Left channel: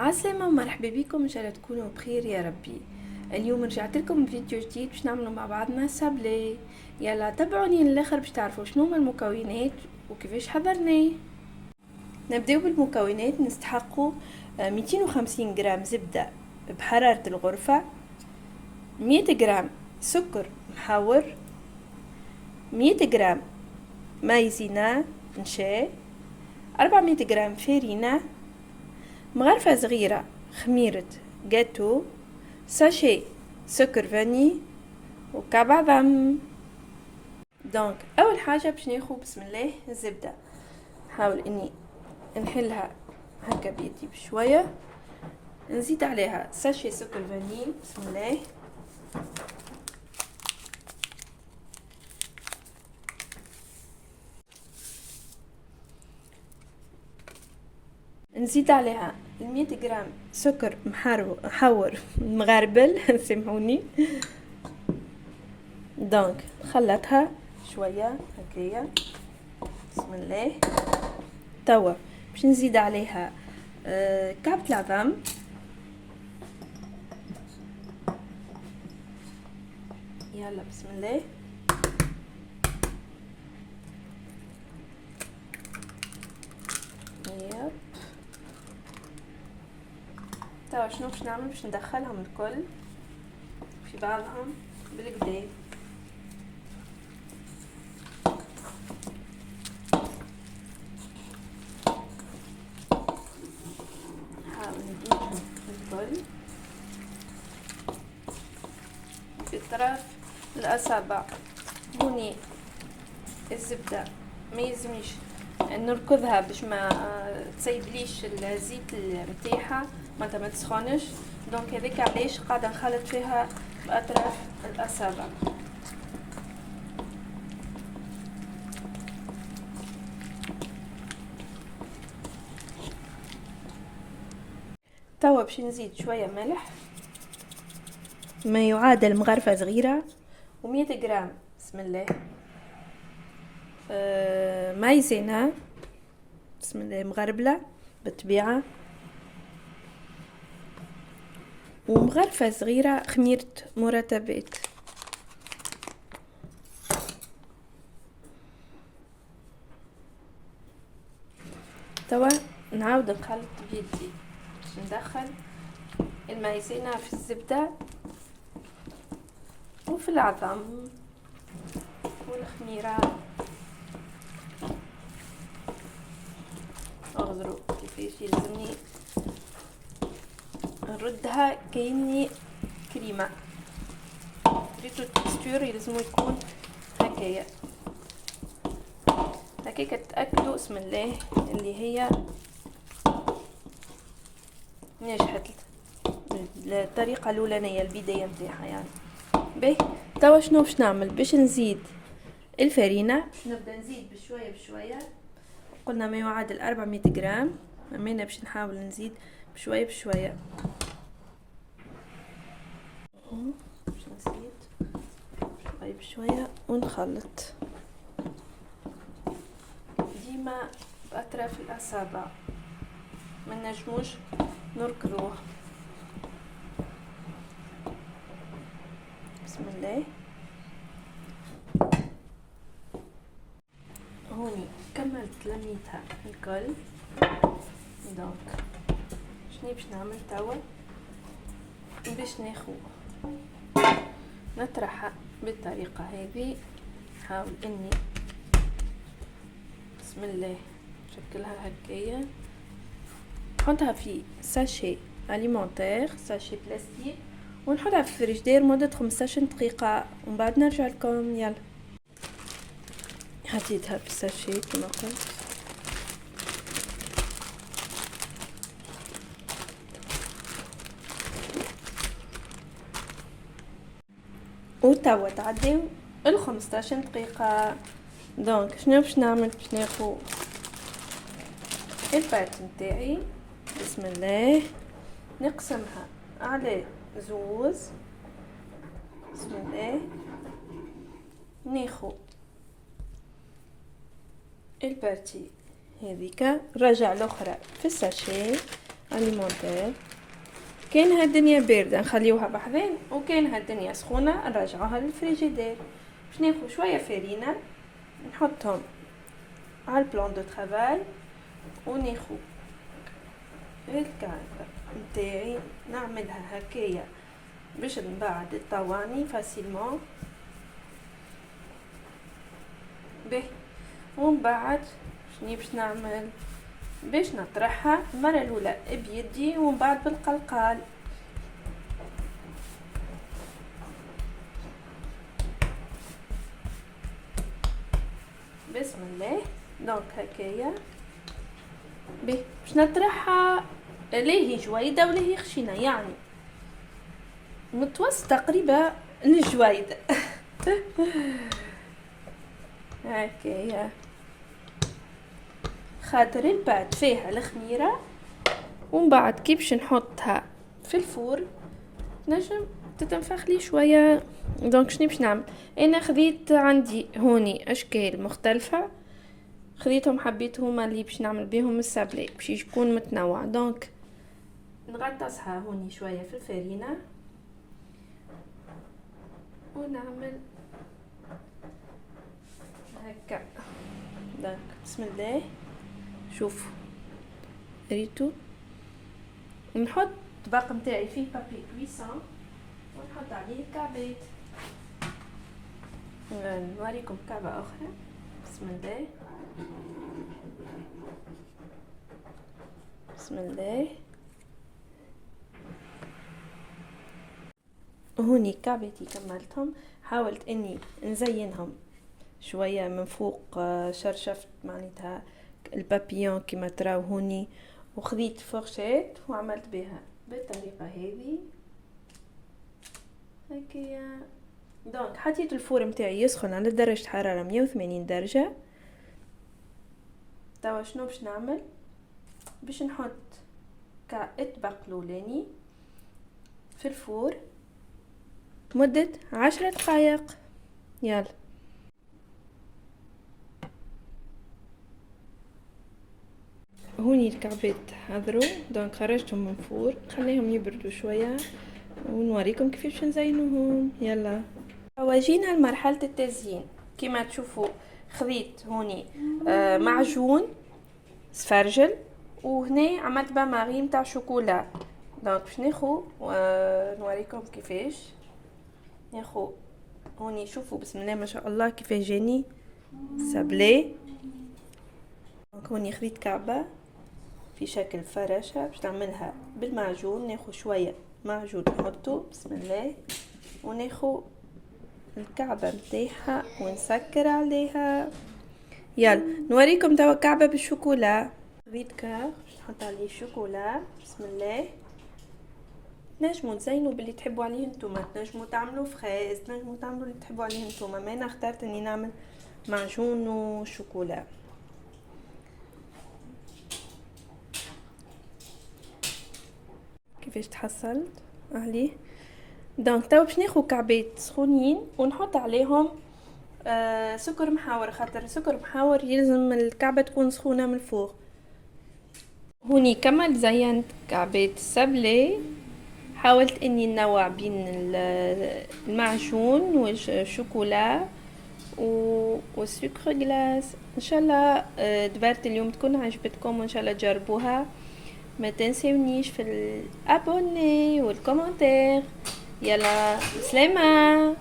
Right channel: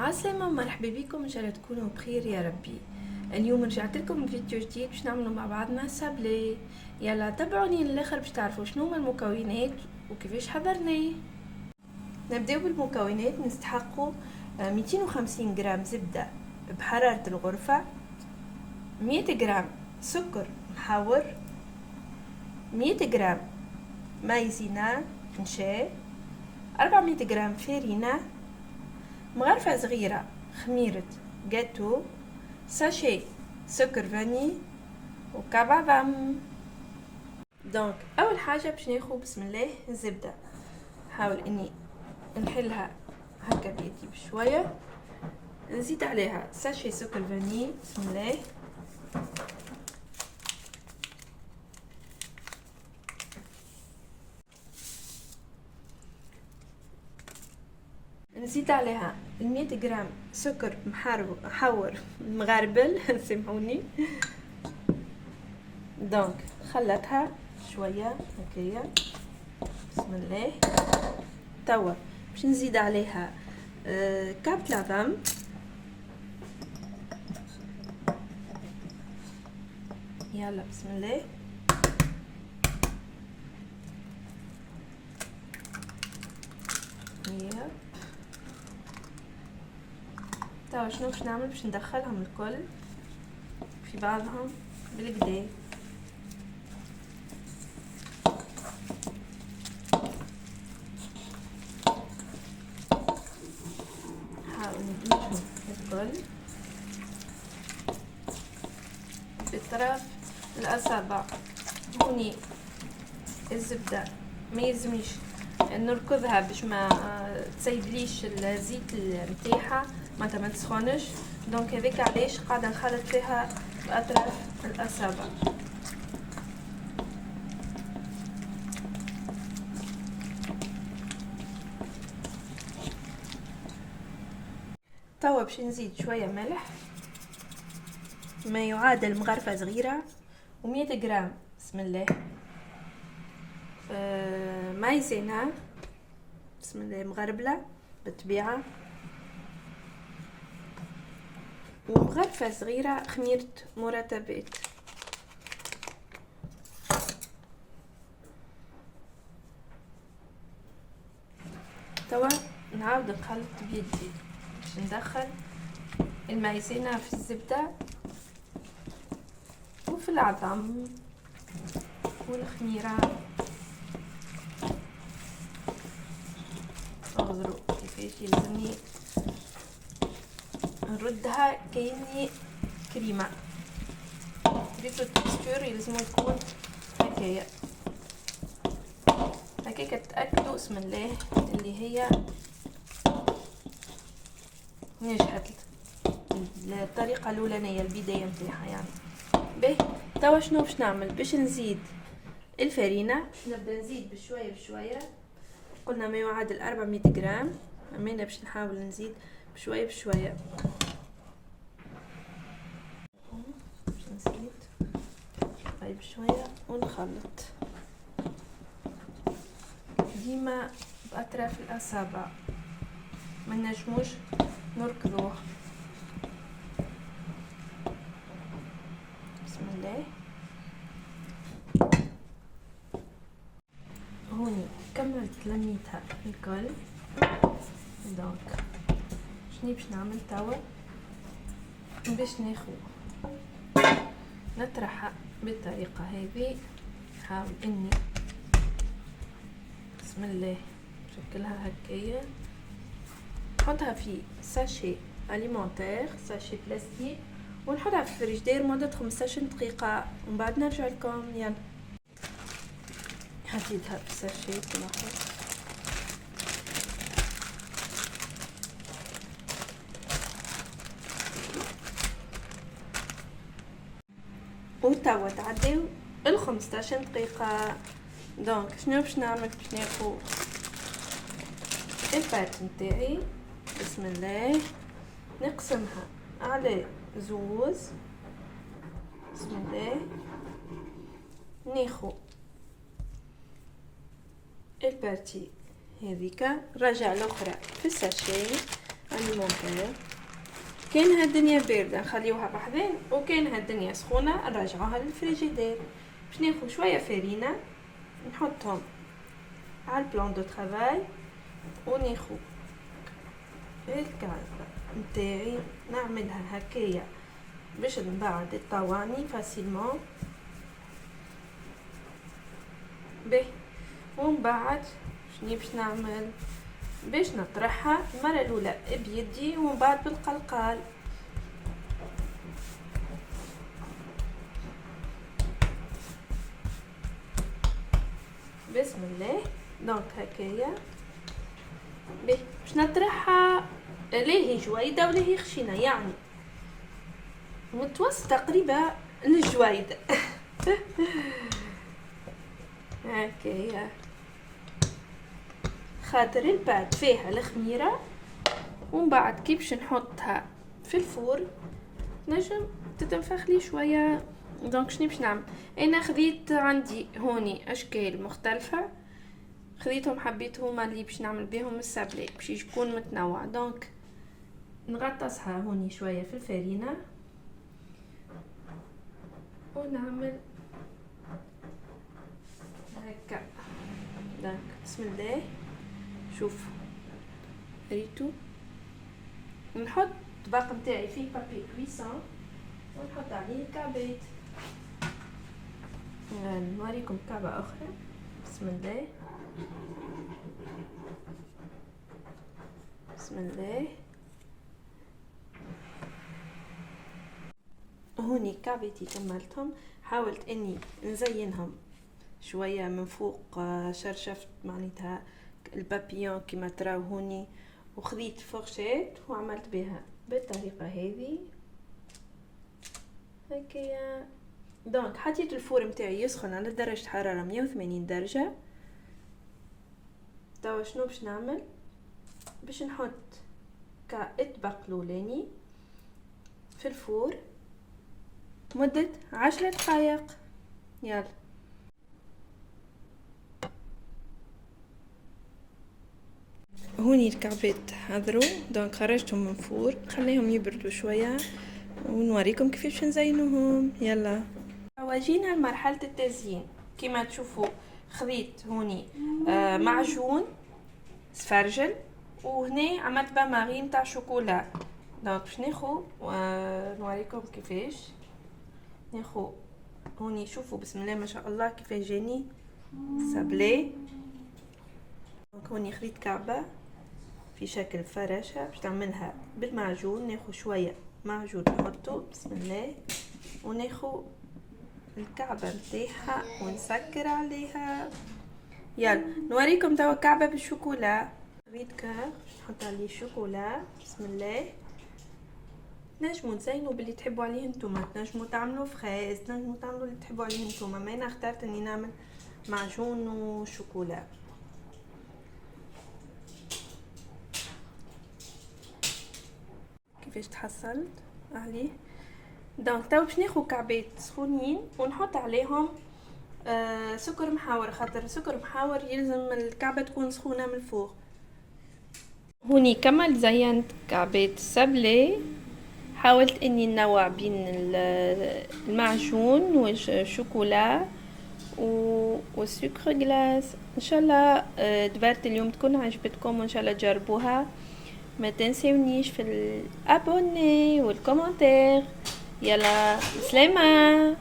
عسلامة ومرحبا بكم، ان شاء الله تكونوا بخير يا ربي. اليوم رجعت لكم بفيديو جديد باش نعملوا مع بعضنا سابلي. يلا تابعوني للاخر باش تعرفوا شنو هما المكونات وكيفاش حضرناه. نبداو بالمكونات. نستحقوا 250 غرام زبدة بحرارة الغرفة، 100 غرام سكر محور، 100 غرام مايزينا نشا، 400 غرام فارينة، مغرفة صغيرة خميرة جاتو، ساشي سكر فاني، وكعب عظم. دونك اول حاجة باش ناخذ بسم الله الزبدة. نحاول اني نحلها هكا بيدي بشوية، نزيد عليها ساشي سكر فاني بسم الله، نزيد عليها 100 غرام سكر محور مغربل سامحوني. دونك خلطها شويه هكايا بسم الله. توا باش نزيد عليها كعب العظم، يلا بسم الله. يب توا شنو باش نعمل؟ باش ندخلهم الكل في بعضهم بالكدا. نحاول ندمجهم الكل بأطراف الأصابع. هوني الزبدة ما يلزمنيش نركضها باش ما تسيبليش الزيت نتاعها، معناتها ما تسخنش. دونك هذاك علاش قاعده نخلط فيها باطراف الاصابع. توا باش نزيد شويه ملح، ما يعادل مغرفه صغيره، و100 غرام بسم الله مايزينا بسم الله مغربله بالطبيعه، ومغرفة صغيرة خميرة مرتبات. توا نعاود نخلط بيدي، ندخل المايزينا في الزبدة وفي العظم والخميرة، اغزروا كيفاش يلزمني نردها كأني كريمة. تريدو التكستور يلزمو يكون هكايا هكاكا. تأكدوا بسم الله اللي هي نجحت الطريقة الأولانية البداية نتاعها يعني. باهي توا شنو باش نعمل؟ باش نزيد الفرينة. نبدا نزيد بشوية بشوية، قلنا ما يعادل 400 غرام، اما انا باش نحاول نزيد بشوية بشوية. باش نزيد شوية بشوية ونخلط ديما بأطراف الأصابع، ما نجموش نركضوه. بسم الله. هوني كملت لميتها الكل. دونك شني باش نعمل توا؟ باش ناخذ نطرحها بالطريقة هذه. نحاول اني بسم الله نشكلها هكايا، نحطها في ساشي اليمونتير ساشي بلاستيك، ونحطها في الفريجدير مدة 15 دقيقة، ومن بعد نرجع لكم. يلا حطيتها في الساشي كما قلت. وتوا تعديو 15 دقيقة. دونك شنو باش نعمل؟ باش ناخذ البات نتاعي بسم الله، نقسمها على زوز بسم الله، ناخذ البارتي هذيك رجع الاخرى في الساشي، المونتير. كان هالدنيا باردة نخليوها بحذين، وكان هالدنيا سخونة نرجعوها للفريجيدير. باش ناخذ شوية فرينة نحطهم على البلان دو ترافاي، وناخذ الكعكة نتاعي نعملها هكايا باش نبعد الطواني فاسيلمون به. ومن بعد شني باش نعمل؟ باش نطرحها المرة الاولى بيدي ومن بعد بالقلقال. بسم الله. دونك هكايا به باش نطرحها، لا هي جويدة ولا هي خشينة، يعني متوسط تقريبا الجويدة. هكايا خاطر البات فيها الخميرة. ومن بعد كي باش نحطها في الفور نجم تتنفخ لي شوية. دونك شني باش نعمل؟ انا خذيت عندي هوني اشكال مختلفة، خذيتهم حبيت هما اللي باش نعمل بيهم السابلي باش يكون متنوع. دونك نغطسها هوني شوية في الفرينة ونعمل هكا. دونك بسم الله. شوف ريتو. نحط الطبق نتاعي فيه بابي كويسون ونحط عليه الكعبات. نوريكم كعبة اخرى. بسم الله بسم الله. هوني كعبتي كملتهم، حاولت اني نزينهم شوية من فوق، شرشفت معناتها البابيون كما تراو هوني، وخذيت فرشات وعملت بها بالطريقة هذه هكايا. دونك حطيت الفور متاعي يسخن على درجة حرارة 180 درجة. توا شنو باش نعمل؟ باش نحط كاطبق لولاني في الفور مدة 10 دقائق. يلا هوني الكعبات حضروا. دونك خرجتهم من فور، خليهم يبردوا شوية ونوريكم كيفاش نزينوهم. يلا واجينا لمرحلة التزيين. كما تشوفوا خذيت هوني معجون سفرجل، وهنا عملت بامارين تاع شوكولا. دونك باش ناخو نوريكم كيفاش ناخو هوني. شوفوا بسم الله ما شاء الله كيفاش جاني سابلي. دونك هوني خذيت كعبة في شكل فراشة باش نعملها بالمعجون. ناخو شوية معجون نحطو بسم الله، وناخو الكعبة متاعها ونسكر عليها. يلا نوريكم توا كعبة بالشوكولا. خذيت كاع باش نحط عليه شوكولا بسم الله. نجمو تزينوا باللي تحبوا عليه نتوما، نجمو تعملوا فريز، نجمو تعملوا اللي تحبوا عليه نتوما، ما انا اخترت اني نعمل معجون وشوكولا. كيفاش تحصلت عليه؟ دونك توا باش ناخذ كعبات سخونين ونحط عليهم سكر محاور، خاطر سكر محاور يلزم الكعبة تكون سخونة من الفوق. هوني كما زينت كعبات السابلي حاولت اني ننوع بين المعجون والشوكولا والسكر جلاس. ان شاء الله دبرت اليوم تكون عجبتكم وان شاء الله تجربوها. ما تنسونيش في الابوني والكومنتير. يلا سلامة.